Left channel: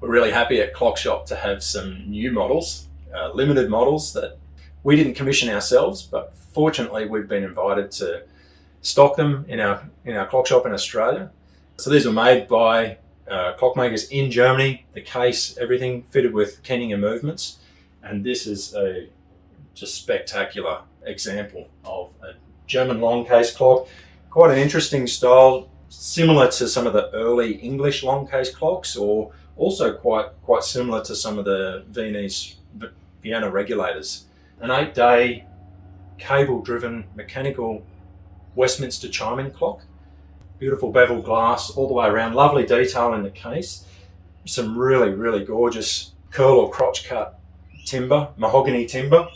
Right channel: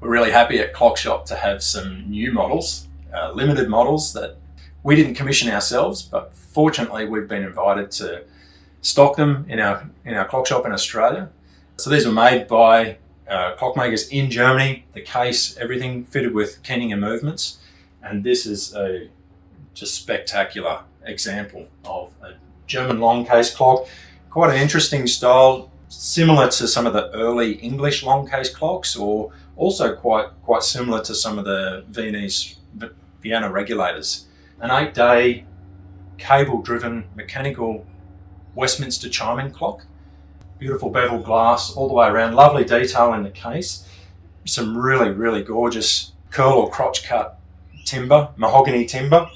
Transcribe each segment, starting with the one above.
We're really happy at Clock Shop to have some new models, limited models that we didn't commission ourselves, but fortunately we've been invited to stock them in our clock shop in Australia. So these were made by clockmakers in Germany. The case, everything fitted with keying and movements, and this is a just spectacular example of a German Longcase clock. Quite an interesting style, similar to some of the early English Longcase clocks, or also quite similar to some of the Vienna Regulators. An 8-day cable-driven mechanical Westminster chiming clock. Beautiful bevel glass all the way around, lovely detail in the case. Some really gorgeous curl or crotch cut timber, mahogany timber,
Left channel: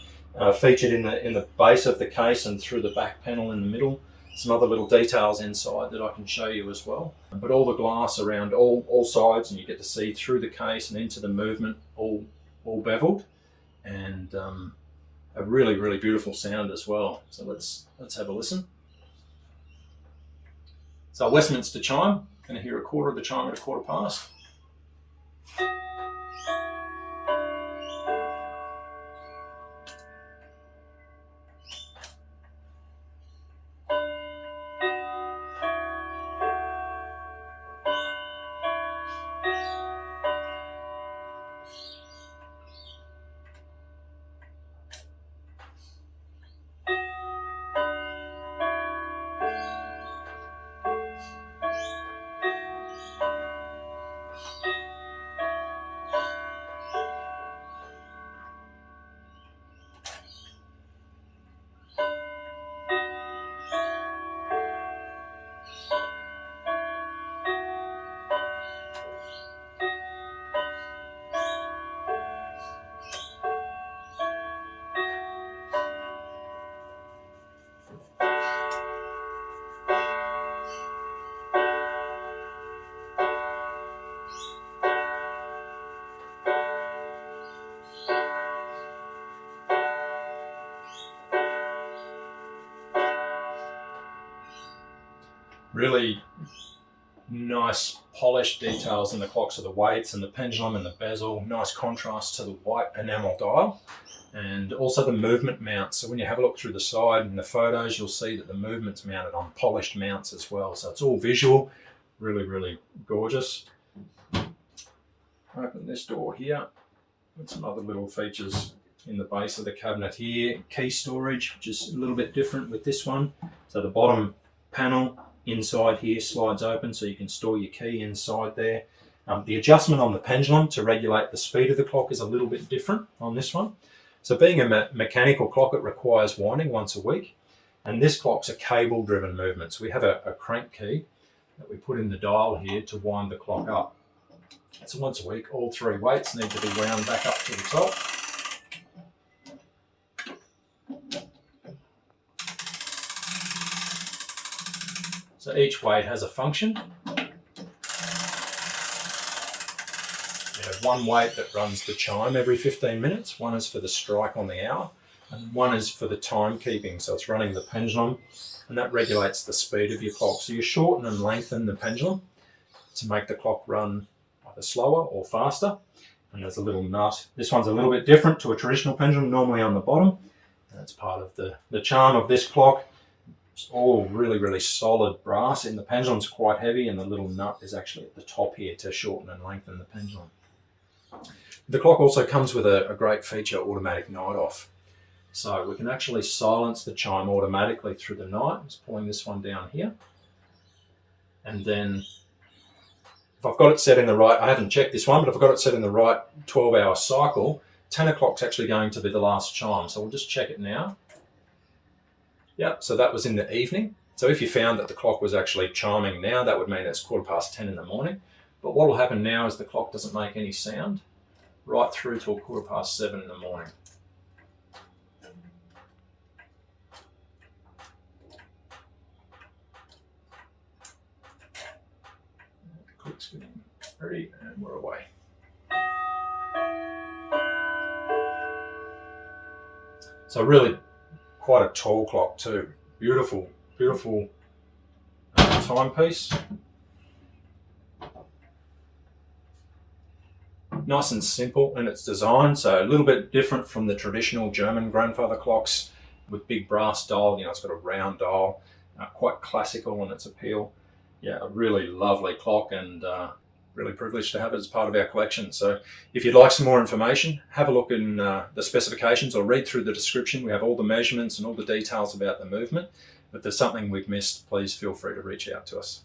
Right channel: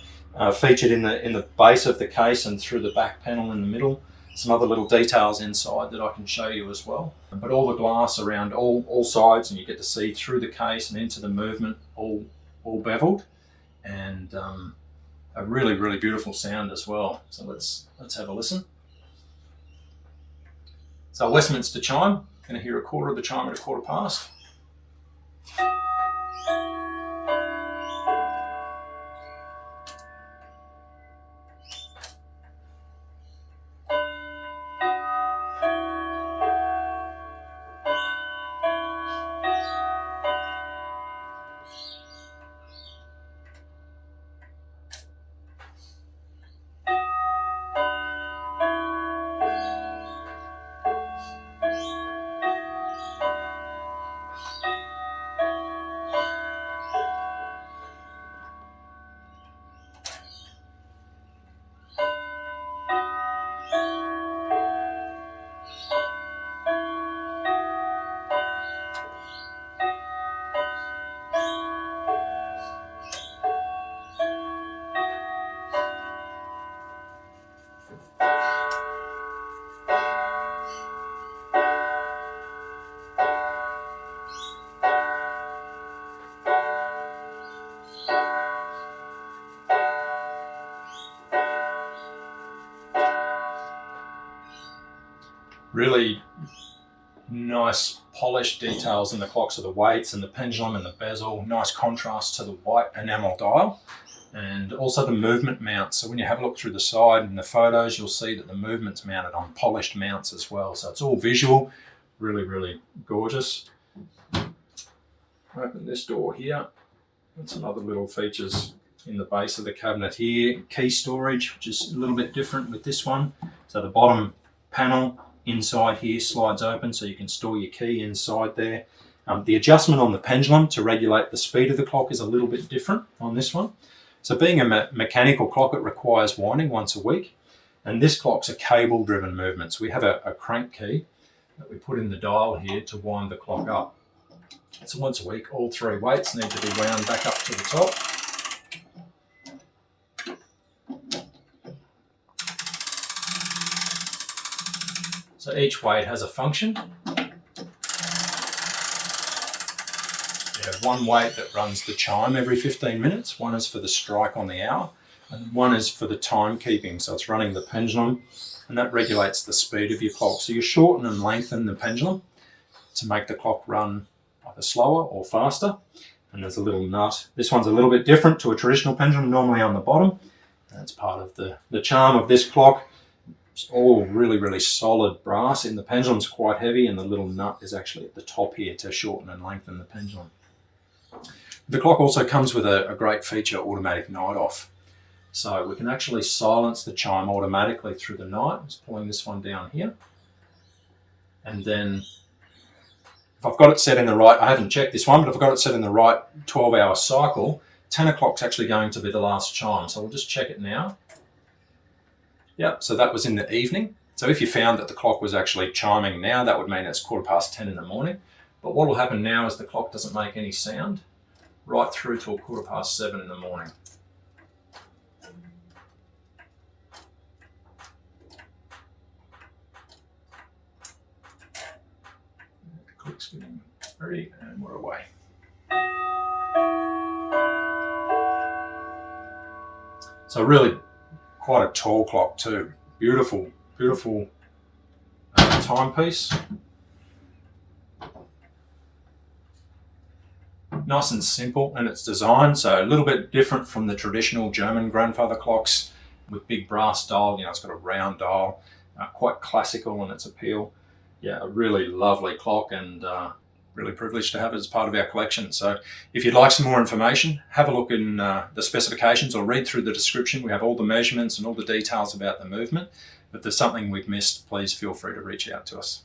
featured in the base of the case and through the back panel in the middle. Some other little details inside that I can show you as well. But all the glass around all sides, and you get to see through the case and into the movement, all beveled, and a really beautiful sound as well. So let's have a listen. So Westminster chime, going to hear a quarter of the chime at 1/4 past. Really nice polished details in the clocks of the weights and the pendulum and the bezel. Nice contrast to the white enamel dial, and also the movement mounts. So when you have a look through the side in the photos, you'll see that the movement's mounted on polished mounts as well. So it's all visual, really gorgeous. Open this door here, and some other little features in the base of the cabinet here. Key storage, which is a little bit different with this one. So the bottom panel inside here slides open, so you can store your key inside there. The adjustment on the pendulum to regulate the speed of the clock is a little bit different on this one. So being a mechanical clock, it requires winding once a week, and this clock's a cable driven movement. So we have a crank key that we put in the dial here to wind the clock up. So once a week, all 3 weights need to be wound back up to the top. So each weight has a function. We have one weight that runs the chime every 15 minutes. One is for the strike on the hour, and one is for the timekeeping. So it's running the pendulum, and that regulates the speed of your clock. So you shorten and lengthen the pendulum to make the clock run either slower or faster. And there's a little nut. This one's a little bit different to a traditional pendulum, normally on the bottom. That's part of the charm of this clock. It's all really solid brass, and the pendulum's quite heavy, and the little nut is actually at the top here to shorten and lengthen the pendulum. The clock also comes with a great feature, automatic night off. So we can actually silence the chime automatically through the night. I'm just pulling this one down here. And then if I've got it set in the right, I haven't checked this one, but if I've got it set in the right 12-hour cycle, 10 o'clock's actually going to be the last chime. So we'll just check it now. Yep, so that was in the evening. So if you found that the clock was actually chiming now, that would mean it's 10:15 in the morning. But what will happen now is the clock doesn't make any sound right through till 7:15 in the morning. Click spinning, ready, and we're away. So really quite a tall clock too. Beautiful timepiece. nice and simple in its design, so a little bit different from the traditional German grandfather clocks with big brass dial. It's got a round dial, quite classical in its appeal. Yeah, a really lovely clock, and really privileged to have it as part of our collection. So if you'd like some more information, have a look in the specifications or read through the description. We have all the measurements and all the details about the movement. If there's something we've missed, please feel free to reach out to us.